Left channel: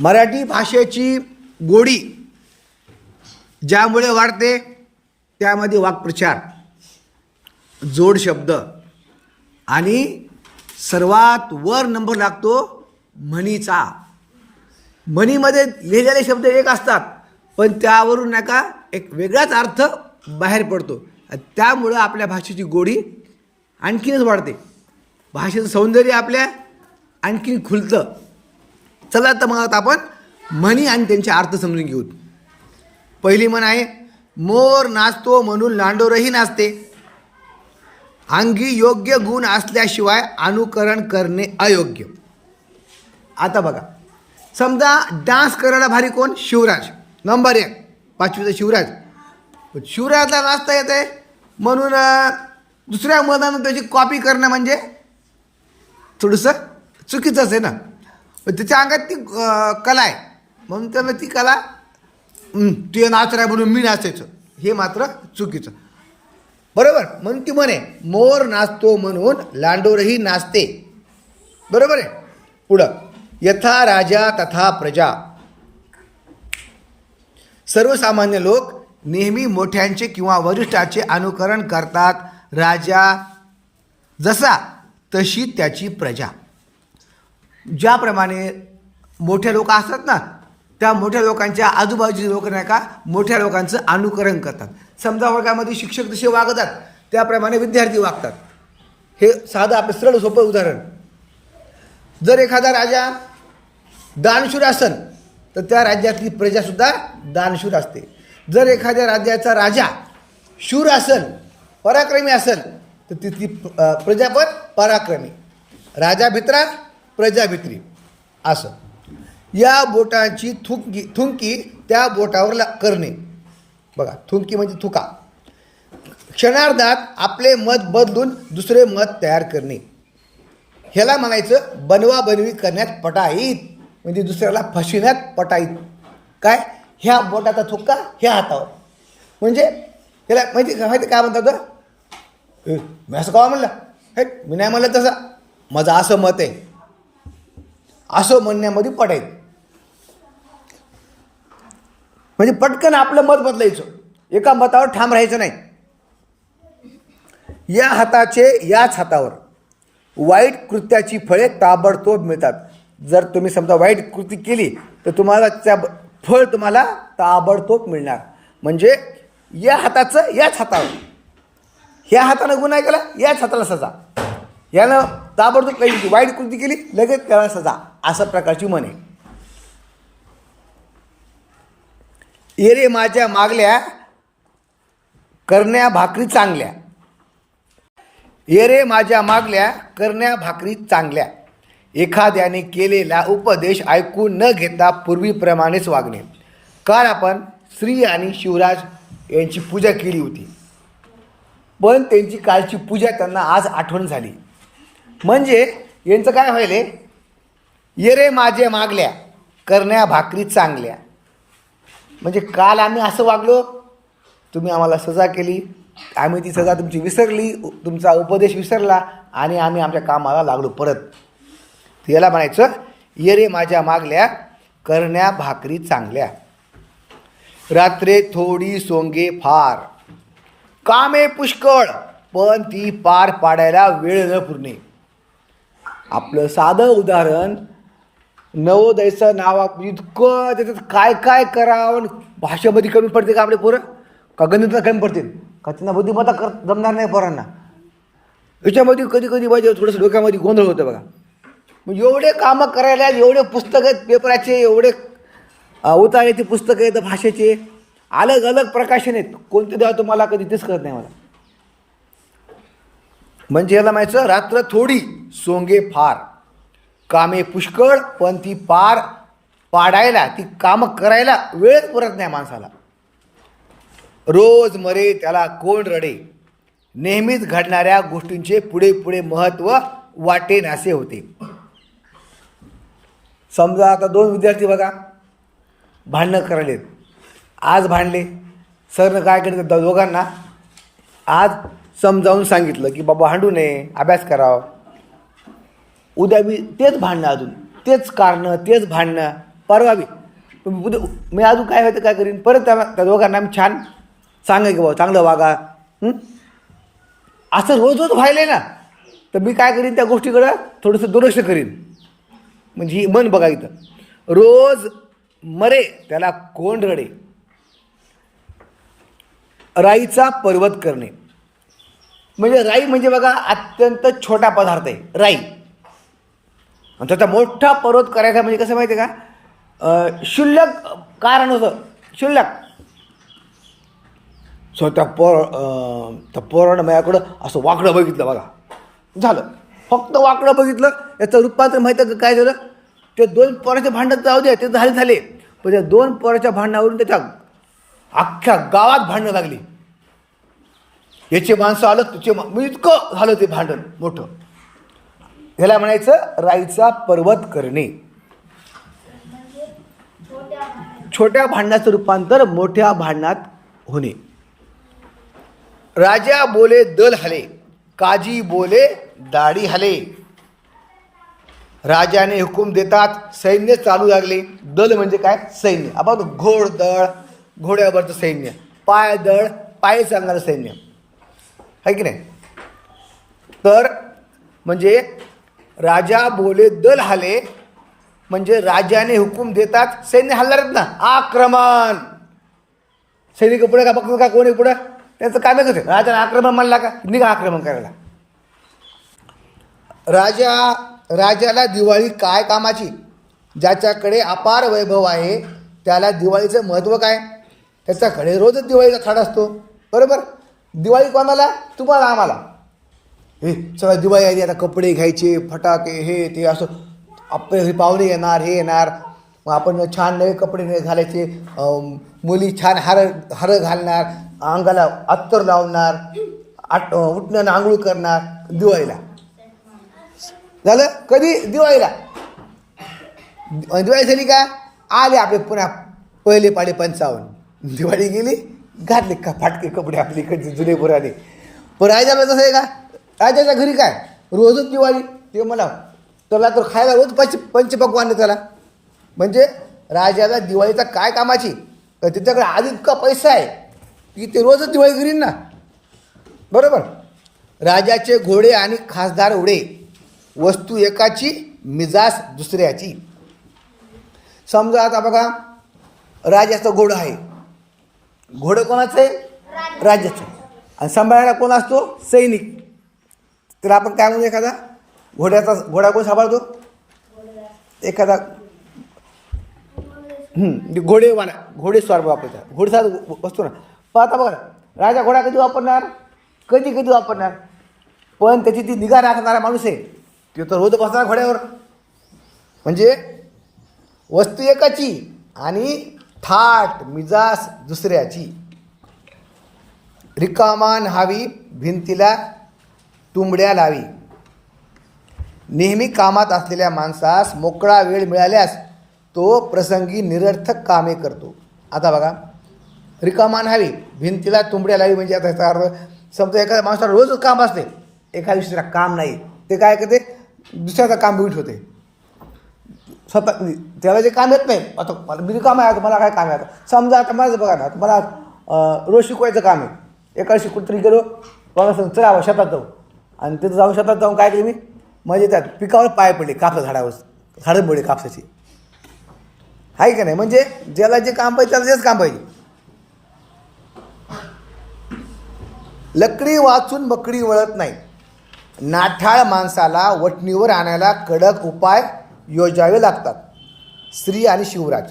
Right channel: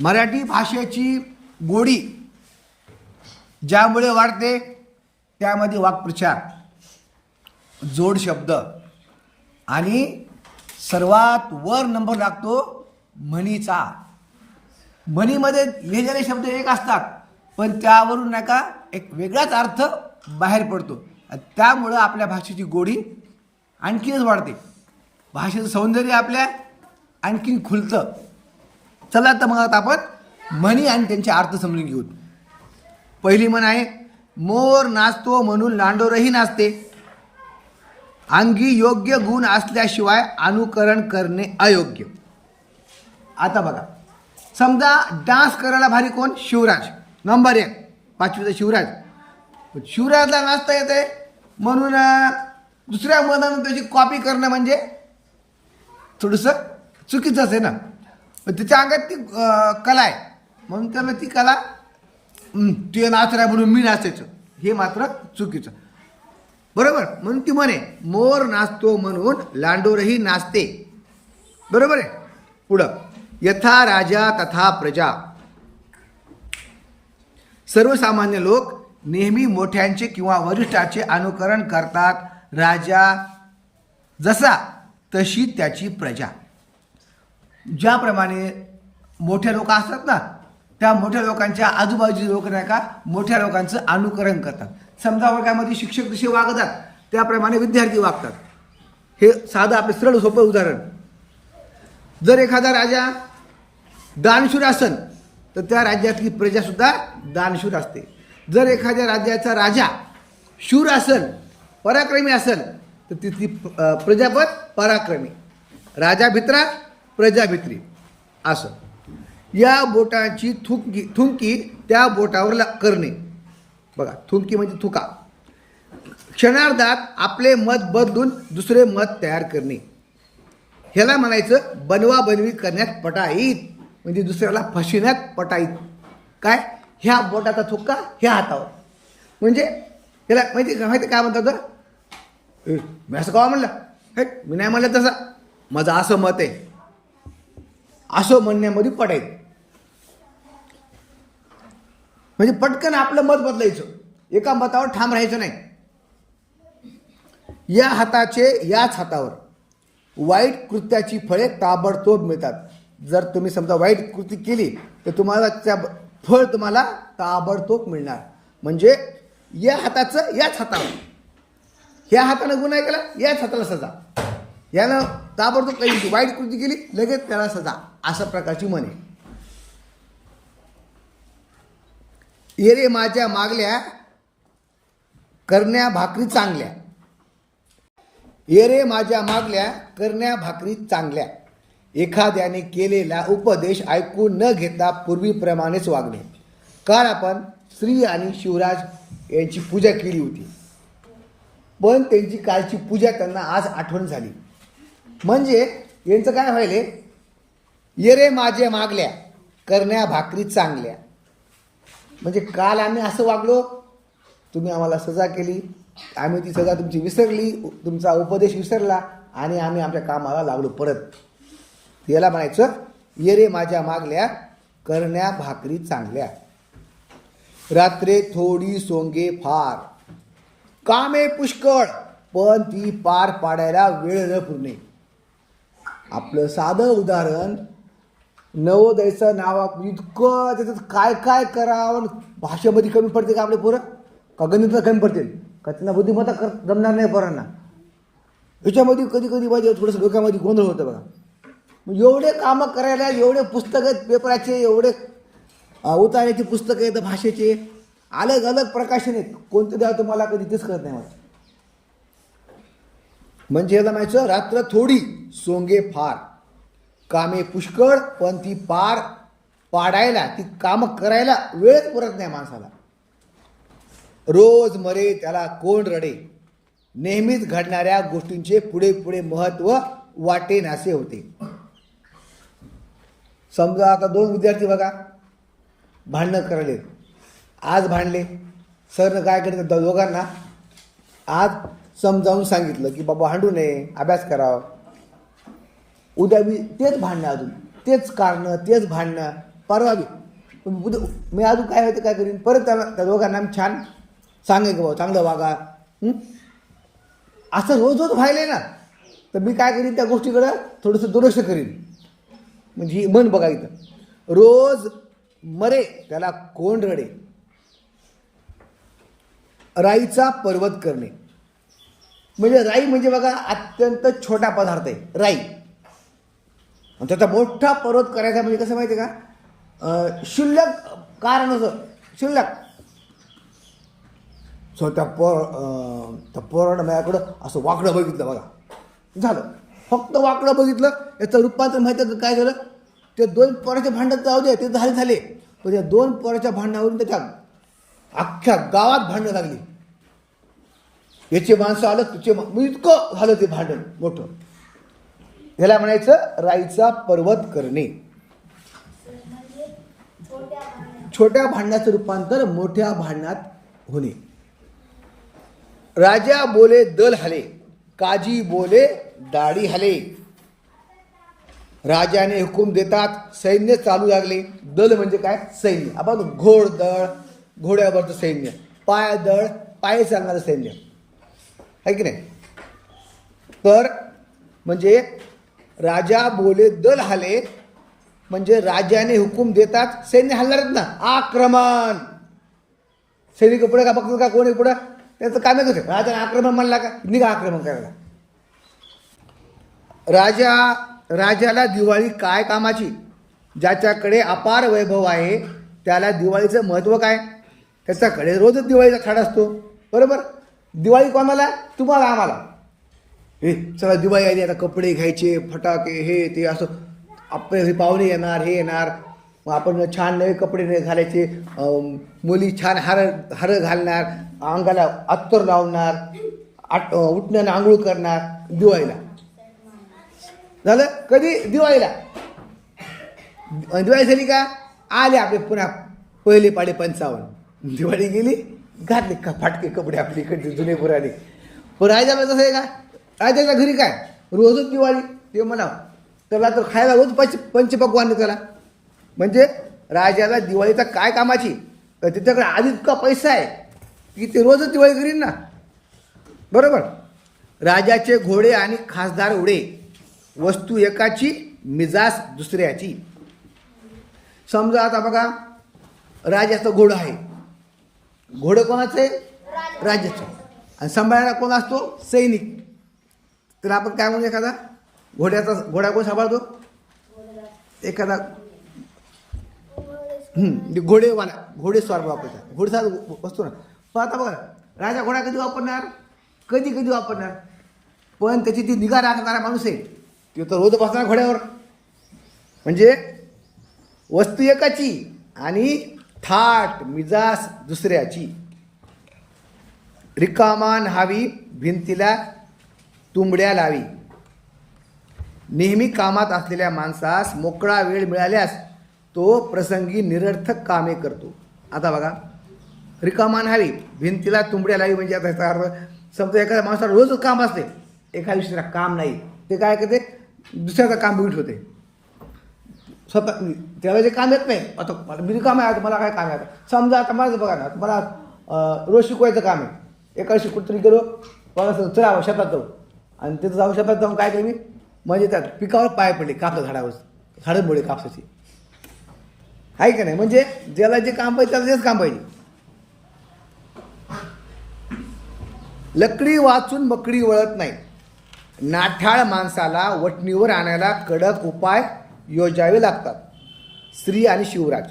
मराठी भाषेची गोडी ज्यामुळे वाढते त्यामध्ये वाक्प्रचार जोड शब्द आणि सर्वात वर नंबर लागतो म्हणीचा. म्हणीमध्ये लिहिलेले शब्द एक असतात पण त्यावरून नाही का एक वेगळाच अर्थ बाहेर पडतो. त्यामुळं आपल्या भाषेची गोडी आणखीनच वाढते. भाषेचं सौंदर्य आपल्या आणखीन खुलतं. चला तर मग आता आपण म्हणी आणि त्यांचे अर्थ समजून घेऊ. पहिली म्हण आहे मोर नाचतो म्हणून लांडोरही नाचते. अंगी योग्य गुण असल्याशिवाय अनुकरण करणे अयोग्य. आता बघा समजा डान्स करायला भारी कोण? शिवराज. नंबर एक पाचवीचा शिवराज. पण शिवराजला नाचता येते म्हणून दुसऱ्या मधानं त्याची कॉपी करणं म्हणजे थोडंसं चुकीचंच आहे ना? पण त्याच्या अंगात ती कला आहे. म्हणून त्याला ती कला हं, ते नाचरा म्हणून मी नाचायचं. हे मात्र चुकीचं. बरोबर? म्हणून ती म्हणे मोर नाचतो म्हणून लांडोरही नाचते. बरोबर आहे? पुढं यथा राजा तथा प्रजा. सर्वसामान्य लोक नेहमी मोठ्यांचे किंवा वरिष्ठाचे अनुकरण करतात राजा जसा तशी त्याची प्रजा. ज्याप्रमाणे मोठ्या लोक असतात ना त्या मोठ्या लोकांच्या आजूबाजूचे लोक नाही का मोठ्या लोकांचं अनुकरण करतात. समजा वर्गामध्ये शिक्षक जसे वागतात त्याप्रमाणे विद्यार्थी वागतात. हे साधं आपलं सरळ सोपं उदाहरण. जर एखादा राजा दानशूर असेल तर त्या राज्यातली प्रजासुद्धा दानशूर असते. जर एखाद्या राज्याचा राजा शूर असेल पराक्रमी असेल तर तिथली प्रजापद पराक्रमी. राजा भित्रा प्रजाभित्री असं. या बोटाची थुंकी थुंकी त्या बोटावर ला करणे. बघा थुंकी म्हणजे थुका. क्षणार्धात आपले मत बदलून दुसरे मत तयार करणे. ह्याला म्हणायचं बनवा बनवीत करण्यात पटाईत. म्हणजे दुसऱ्याला फसविण्यात पटाईत. काय? ह्या बोटाचा थुक्का ह्या हातावर. म्हणजे त्याला माहिती माहिती काय म्हणतात मी असं का म्हणलं? हे मी नाही म्हणलं तसा. माझं असं मत आहे. असं म्हणण्यामध्ये पडायचं म्हणजे पटकन आपलं मत बदलायचं. एका मतावर ठाम राहायचं नाही. या हाताचे याच हातावर वाईट कृत्याची फळे ताबडतोब मिळतात. जर तुम्ही समजा वाईट कृती केली तर तुम्हाला त्या फळ तुम्हाला ताबडतोब मिळणार. म्हणजे या हाताचं याच हातावर. ह्या हातानं गुन्हा केला याच हाताला सजा. यानं ताबडतोब काही वाईट कृती केली लगेच त्याला सजा. अशा प्रकारची म्हणे. येरे माझ्या मागल्या करण्या भाकरी चांगल्या. येरे माझ्या मागल्या करण्या भाकरी चांगल्या. एखाद्याने केलेला उपदेश ऐकून न घेता पूर्वीप्रमाणेच वागणे. काल आपण श्री आणि शिवराज यांची पूजा केली होती. पण त्यांची कालची पूजा त्यांना आज आठवण झाली. म्हणजे यांचं काय व्हायले? येरे माझे मागल्या करण्या भाकरी चांगल्या. म्हणजे काल आम्ही असं वागलो तुम्ही आम्हाला सजा केली आम्ही ती सजा तुमची विसरली तुमचा उपदेश विसरला आणि आम्ही आमच्या कामाला लागलो परत. याला म्हणायचं ये रे माझ्या मागल्या करण्या भाकरी चांगल्या. रात्रे थोडी सोंगे फार. कामे पुष्कळ पण ती पार पाडायला वेळ न पुरणे. आपलं साधं उदाहरण नवोदयचं नाव म्हणजे इतकं त्याच्यात काय काय करावं भाषेमध्ये कमी पडते का आपले पोरं? का गणितला कमी पडतील? का त्यांना बुद्धिमत्ता कर जमणार नाही पोरांना? याच्यामध्ये कधी कधी पाहिजे थोडंसं डोक्यामध्ये गोंधळ होतं बघा. मग एवढे कामं करायला एवढे पुस्तकं आहेत पेपराचे एवढे अ, पुस्तकं आहेत भाषेचे. अलग अलग प्रकाशन आहेत. कोणते द्या तुम्हाला कधी तेच करत नाही मला. म्हणजे याला माहिती रात्र थोडी सोंगे फार. कामे पुष्कळ पण ती पार पाडायला ती कामं करायला वेळच पुरत नाही माणसाला. रोज मरे त्याला कोण रडे? नेहमीच घडणाऱ्या गोष्टींचे पुढे पुढे महत्त्व वाटेन असे होते. समजा आता दोन विद्यार्थी बघा भांडणं करायलेत. आज भांडले. सरनं काय केलं दोघांना? आज समजावून सांगितलं की बाबा भांडू नये अभ्यास करावा. उद्या मी तेच भांडणं अजून तेच कारणं तेच भांडणं परवा बी मी उद्या मी अजून काय व्हायचं काय करीन? परत त्या त्या दोघांना मी छान सांगा की बाबा चांगलं वागा असं रोज रोज व्हायलंय ना. तर मी काय करीन त्या गोष्टीकडं थोडंसं दुर्लक्ष करीन. म्हणजे ही मन बघा इथं. रोज मरे त्याला कोण रडे. राईचा पर्वत करणे. म्हणजे राई म्हणजे बघा अत्यंत छोटा पदार्थ आहे राई. आणि त्याचा मोठा पर्वत करायचा म्हणजे कसं माहिती आहे का शुल्लक कारण होतं. शुल्लक. सो त्या पोर त्या पोरानं माझ्याकडं असं वाकडं बघितलं बघा. झालं. फक्त वाकडं बघितलं याचं रूपांतर माहिती का काय झालं? ते दोन पोराचे भांडण जाऊ दे ते झाले झाले. पण त्या दोन पोराच्या भांडणावरून त्याच्या अख्ख्या गावात भांडणं लागली. याचे माणसं आलं तुझे म्हणजे इतकं झालं ते भांडण मोठं. ह्याला म्हणायचं राईचा पर्वत करणे. छोट्या भांडणाचं रूपांतर मोठ्या भांडणात होणे. राजा बोले दल हले काजी बोले दाढी हले. राजाने हुकूम देतात सैन्य चालू लागले. दल म्हणजे काय? सैन्य. आपण घोडदळ घोड्यावरचं सैन्य. पायदळ पाय सांगणारं सैन्य. आहे की नाही? तर म्हणजे राजा बोले दल हाले. म्हणजे राजाने हुकूम देतात सैन्य हलणारच ना आक्रमण. सैनिक पुढे का बघतो का कोणी पुढे? त्याचं काम आहे. कसं राजाने आक्रमण म्हणला का? निघा आक्रमण करायला. राजा राजाला दिवाळी काय कामाची? ज्याच्याकडे अपार वैभव आहे त्याला दिवाळीचं महत्त्व काय? त्याच्याकडे रोजच दिवाळीचा खाड असतो. बरोबर? दिवाळी कोणाला? तुम्हाला आम्हाला. हे चला दिवाळी आली आता कपडे घ्यायचे फटाके हे ते असं. आपले पाहुणे येणार हे येणार. मग आपण छान नवे कपडे घालायचे. मुली छान हार हार घालणार अंगाला अत्तर लावणार आट उठण्यानं आंघोळ करणार दिवाळीला. झालं? कधी? दिवाळीला. दिवाळी झाली का? आले आपले पुन्हा पहिले पाडे पंचावन्न. दिवाळी गेली घातले का फाटके कपडे आपले इकडचे जुने पुराणे पण झालं तसं आहे का? राजाच्या घरी काय? रोजच दिवाळी. ते म्हणा त्याला तर खायला रोज पंच पंचपक्वान त्याला. म्हणजे राजाला दिवाळीचा काय कामाची? तर त्याच्याकडे आधी इतका पैसा आहे की ते रोजच दिवाळी करीन ना. बरोबर? राजाचे घोडे आणि खासदार उडे. वस्तू एकाची मिजास दुसऱ्याची. समजा आता बघा राजाचं घोडं आहे. घोडं कोणाचं आहे? राजाचं. आणि सांभाळायला कोण असतो? सैनिक. तर आपण काय म्हणू एखादा? घोड्याचा घोडा कोण सांभाळतो? एखादा ते घोडे वाना घोडे स्वार वापरतात घोडेस्वार वस्तू ना. पण आता बघा ना, राजा घोडा कधी वापरणार? कधी कधी वापरणार? पण त्याची ती निगा राखणारा माणूस आहे. तो तर रोज बसणार घोड्यावर. म्हणजे वस्तू एकाची आणि थाट मिजास दुसऱ्याची. रिकामान हावी भिंतीला तुंबड्या लावी. नेहमी कामात असलेल्या माणसास मोकळा वेळ मिळाल्यास तो प्रसंगी निरर्थक कामे करतो. आता बघा रिकामा न्हावी भिंतीला तुंबड्या लावी म्हणजे आता याचा अर्थ समजा एखाद्या माणसाला रोजच काम असते एका दिवशीला काम नाही ते काय करते? दुसऱ्याचं काम बिट होते. स्वतः त्याला जे काम येत नाही. आता मला मी काम आहे मला काय काम आहे? आता समजा आता माझं बघा ना मला रोज शिकवायचं काम आहे. एका दिवशी कुठतरी गेलो मला चला शेतात जाऊ. आणि तिथं जाऊ शकतात जाऊन काय केलं मी? म्हणजे त्यात पिकावर पाय पडले कापसा झाडावर. झाडं पडले कापसाची. आहे का नाही? म्हणजे ज्याला जे काम पाहिजे त्याला तेच काम पाहिजे. लकडी वाचून बकडी वळत नाही. नाठाळ माणसाला वटणीवर आणायला कडक उपाय योजावे लागतात. स्त्री आणि शिवराज.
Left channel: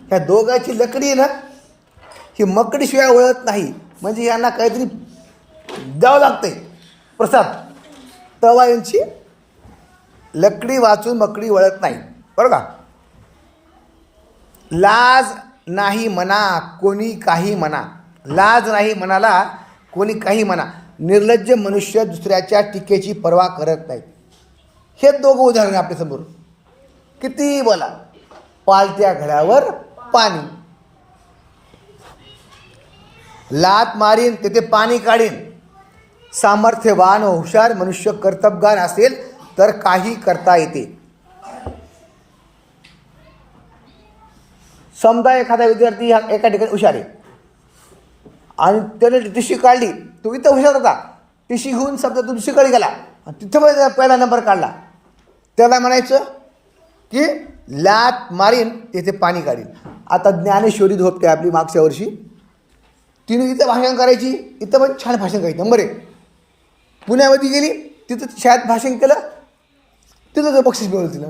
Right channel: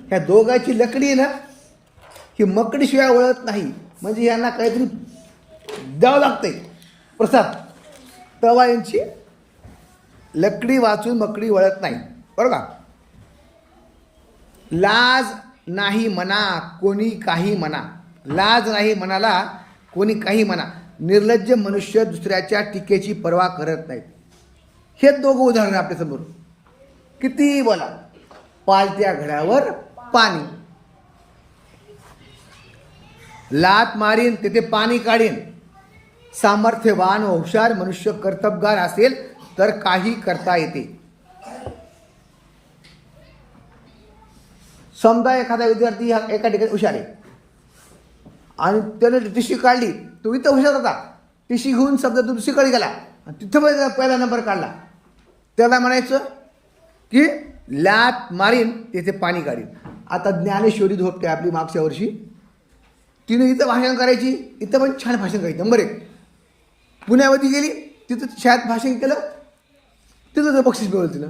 ह्या दोघांची लकडी आहे ना ही मकडीशिवाय वळत नाही. म्हणजे यांना काहीतरी द्यावं लागते प्रसाद तवा यांची लकडी वाचून मकडी वळत नाही. बरं का? लाज नाही म्हणा कोणी काही म्हणा लाज नाही म्हणाला कोणी काही म्हणा निर्लज्ज मनुष्य दुसऱ्याच्या टीकेची पर्वा करत नाहीत हे दोघं उदाहरण आपल्यासमोर किती बोला? पालत्या घड्यावर पाणी. लात मारीन तेथे पाणी काढीन. सामर्थ्यवान व हुशार मनुष्य कर्तबगार असेल तर काही करता येते. समजा एखादा विद्यार्थी हा एका ठिकाणी हुशार आहे. आणि त्याने टिशी काढली तो इथं हुशार होता. टिशी घेऊन समजा तो दुसरीकडे गेला आणि तिथं पण पहिला नंबर काढला. त्याला म्हणायचं की लात मारीन तिथे पाणी काढीन. आता ज्ञानेश्वरी धोपटे आपली मागच्या वर्षी तिने इथं भाषण करायची इथं पण छान भाषण करायची. नंबर एक. पुण्यामध्ये गेली तिथं शाळेत भाषण केलं तिथं बक्षीस मिळवलं तिला.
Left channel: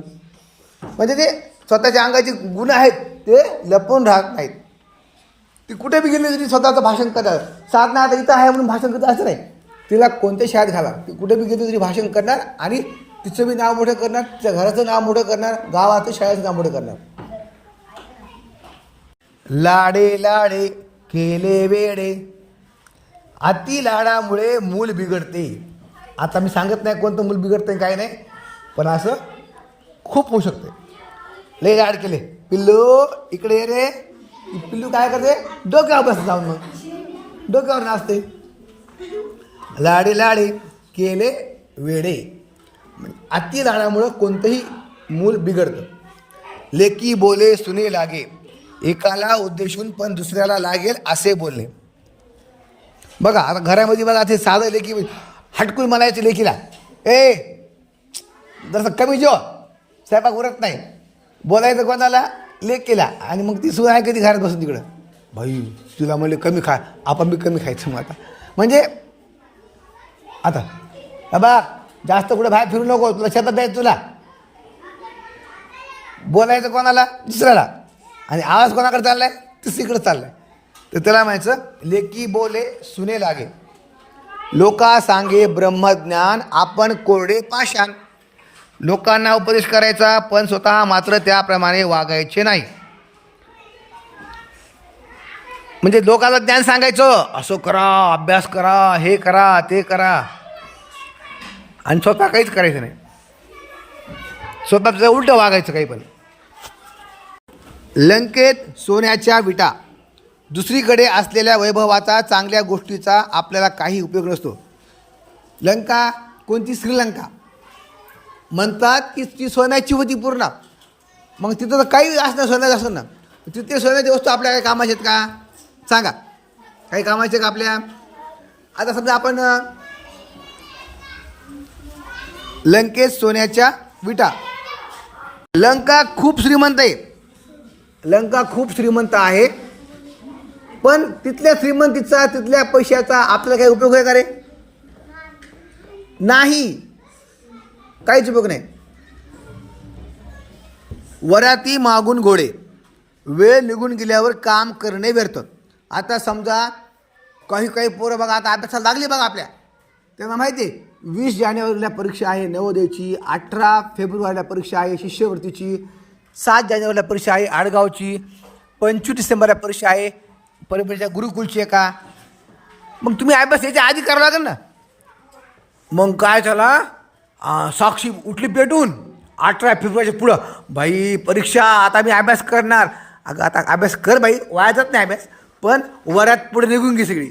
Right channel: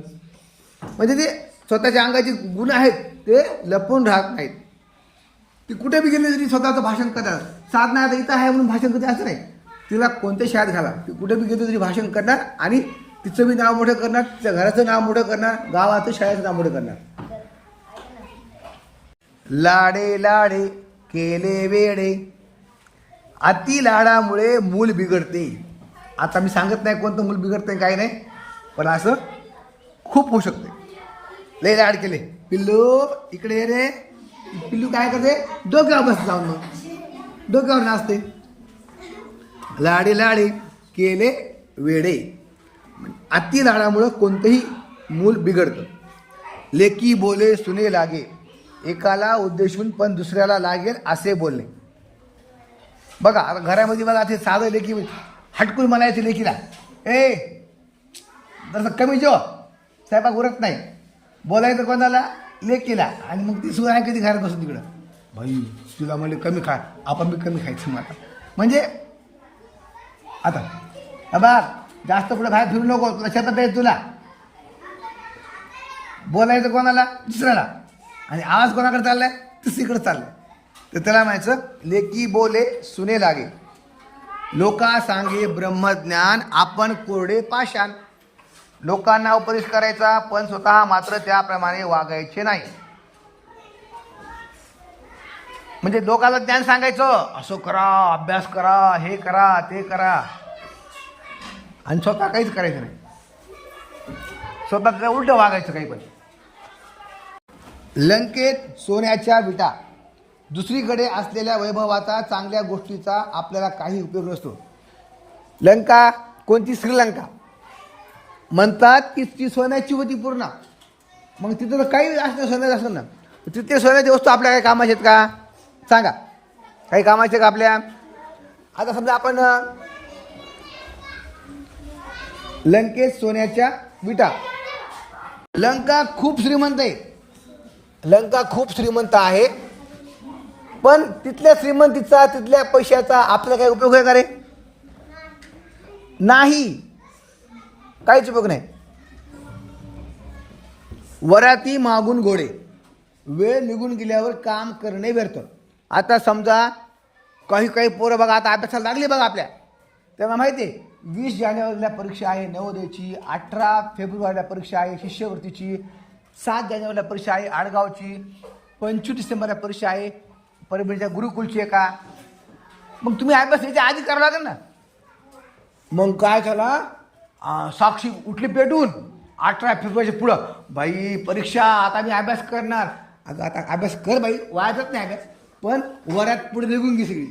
म्हणजे ते स्वतःच्या अंगाचे गुण आहेत ते लपवून राहत नाहीत. ती कुठे बी गेली तरी स्वतःचं भाषण करणार साधना आता इथं आहे म्हणून भाषण करते असं नाही. तिला कोणत्या शाळेत घाला. ती कुठे बी गेली तरी भाषण करणार आणि तिचं बी नाव मोठं करणार तिच्या घराचं नाव मोठं करणार गावाचं शाळेचं नाव मोठं करणार. लाडे लाडे केले वेडे. अति लाडामुळे मूल बिघडते. आता मी सांगत नाही कोणतं मूल बिघडते काय नाही. पण असं खूप होऊ शकते लय लाड केले. पिल्लू इकडे रे. पिल्लू काय करते? डोक्यावर बस जाऊन डोक्यावर नाचते. लाडे लाडे केले वेडे. अति लाडामुळं कोणतंही मूल बिघडतं. लेकी बोले सुने लागे. एकाला उद्देशून पण दुसऱ्याला लागेल असे बोलले बघा आता घरामध्ये बघा ते साधं लेखी हटकून म्हणायचं लेखीला. ए जसं कमी जेव स्वयंपाक उरत नाही. बोलायचं कोणाला? लेख केला आणि मग ती सुद्धा कधी घरात बसून तिकडं. भाई तुला म्हणले कमी खा आपण बी कमी खायचं मग आता. म्हणजे आता बा जास्त कुठं बाहेर फिरू नको तुला शेतात द्यायचं तुला. बोलायचं कोणाला? दुसऱ्याला. आणि आवाज कोणाकडे चाललाय? तिसरीकडे चाललाय. तर त्याला म्हणायचं लेकी बोले सुने लागे. लोका सांगे ब्रह्मज्ञान आपण कोरडे पाषाण. लोकांना उपदेश करायचा पण स्वतः मात्र त्याप्रमाणे वागायचे नाही. म्हणजे लोकांना ज्ञान सांगायचं असं करा अभ्यास करा हे करा ते करा. आणि स्वतः काहीच करायचं नाही. स्वतःचं उलटं वागायचं काही पण. लंकेत सोन्याच्या विटा. दुसरीकडे असलेल्या वैभवाचा चांगल्या गोष्टीचा आपल्याला काही उपयोग नसतो. लंका कोणती श्रीलंका? म्हणतात की ती सोन्याची होती पूर्ण. मग तिथं तर काही असणं सोन्याचं असं ना. तिथे सोन्याची वस्तू आपल्या काही कामाचे आहेत का? सांगा. काही कामाचे का आपल्या? आता समजा आपण लंकेत सोन्याच्या विटा. लंका खूप श्रीमंत आहे. लंका खूप श्रीमंत आहे. पण तिथल्या श्रीमंतीचा तिथल्या पैशाचा आपला काही उपयोग आहे का रे? नाही. काहीच उपयोग नाही. वराती मागून घोडे. वेळ निघून गेल्यावर काम करणे व्यर्थ. आता समजा काही काही पोरं बघा आता अभ्यासाला लागली बघा आपल्या. त्यांना माहिती आहे वीस जानेवारीला परीक्षा आहे नवोदयची. अठरा फेब्रुवारीला परीक्षा आहे शिष्यवृत्तीची. सात जानेवारीला परीक्षा आहे आडगावची. पंचवीस डिसेंबरला परीक्षा आहे. परभणीच्या गुरुकुलची आहे का? मग तुम्ही अभ्यास याच्या आधी करावं लागेल ना. मग काय झाला? साक्षी उठली पेटून अठरा फेब्रुवारीच्या पुढं. बाई परीक्षा आता मी अभ्यास करणार. अगं आता अभ्यास कर बाई वाया जात नाही अभ्यास. पण वरात पुढे निघून गेली सगळी.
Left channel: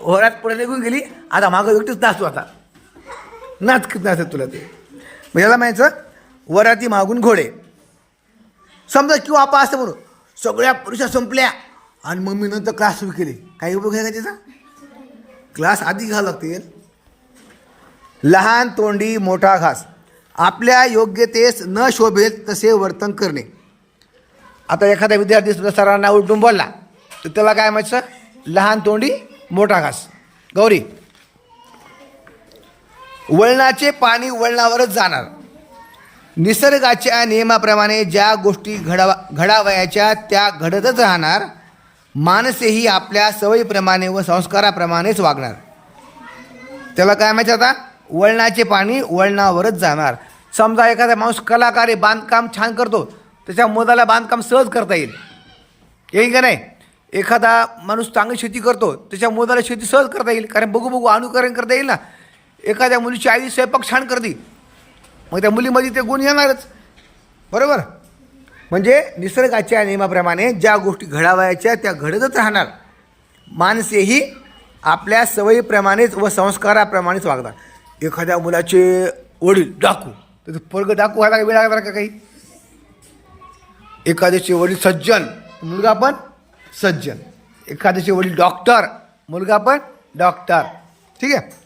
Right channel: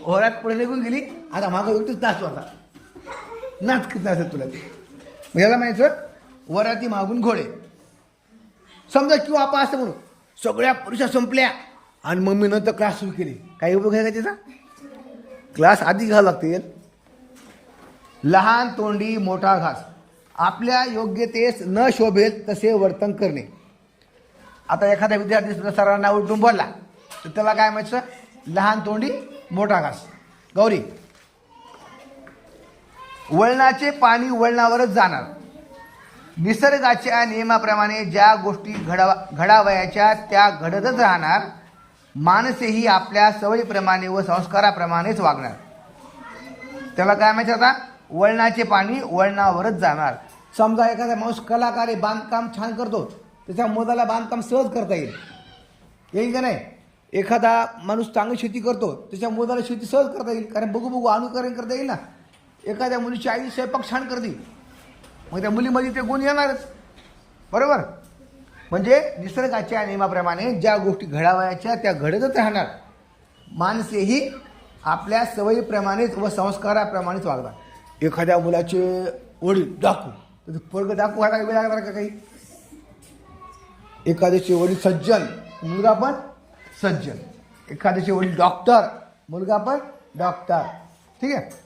वरात पुढे निघून गेली. आता मागं एकटीच नाचतो आता. नाच किती नाचत तुला ते. मग याला म्हणायचं वराती मागून घोडे. समजा किंवा आपा असं म्हणून सगळ्या परीक्षा संपल्या. आणि मग मी नंतर क्लास सुरू केले. काही उपयोग आहे का त्याचा क्लास आधी घ्यावं लागतील. लहान तोंडी मोठा घास. आपल्या योग्यतेस न शोभेल तसे वर्तन करणे. आता एखादा विद्यार्थी सुद्धा सरांना उलटून बोलला तर त्याला काय म्हणायचं? लहान तोंडी मोठा घास. गौरी वळणाचे पाणी वळणावरच जाणार. निसर्गाच्या नियमाप्रमाणे ज्या गोष्टी घडावा घडावयाच्या त्या घडतच राहणार माणसेही आपल्या सवयीप्रमाणे व संस्काराप्रमाणेच वागणार. त्याला काय माहिती आता? वळणाचे पाणी वळणावरच जाणार. समजा एखादा माणूस कलाकार आहे बांधकाम छान करतो त्याच्या मुलाला बांधकाम सहज करता येईल. येईल का नाही? एखादा माणूस चांगली शेती करतो त्याच्या मुलाला शेती सहज करता येईल. कारण बघू बघू अनुकरण करता येईल ना. एखाद्या मुलीची आई स्वयंपाक छान करते. मग त्या मुलीमध्ये ते गुण येणारच. बरोबर? म्हणजे निसर्गाच्या नियमाप्रमाणे ज्या गोष्टी घडावयाच्या त्या घडतच राहणार. माणसेही आपल्या सवयीप्रमाणेच व संस्काराप्रमाणेच वागतात. एखाद्या मुलाचे वडील डाकू तर पर्ग डाकू व्हायला वेळ लागणार का काही? एखाद्याचे वडील सज्जन मुलगा पण सज्जन. एखाद्याचे वडील डॉक्टर मुलगा पण डॉक्टर. ठीक आहे?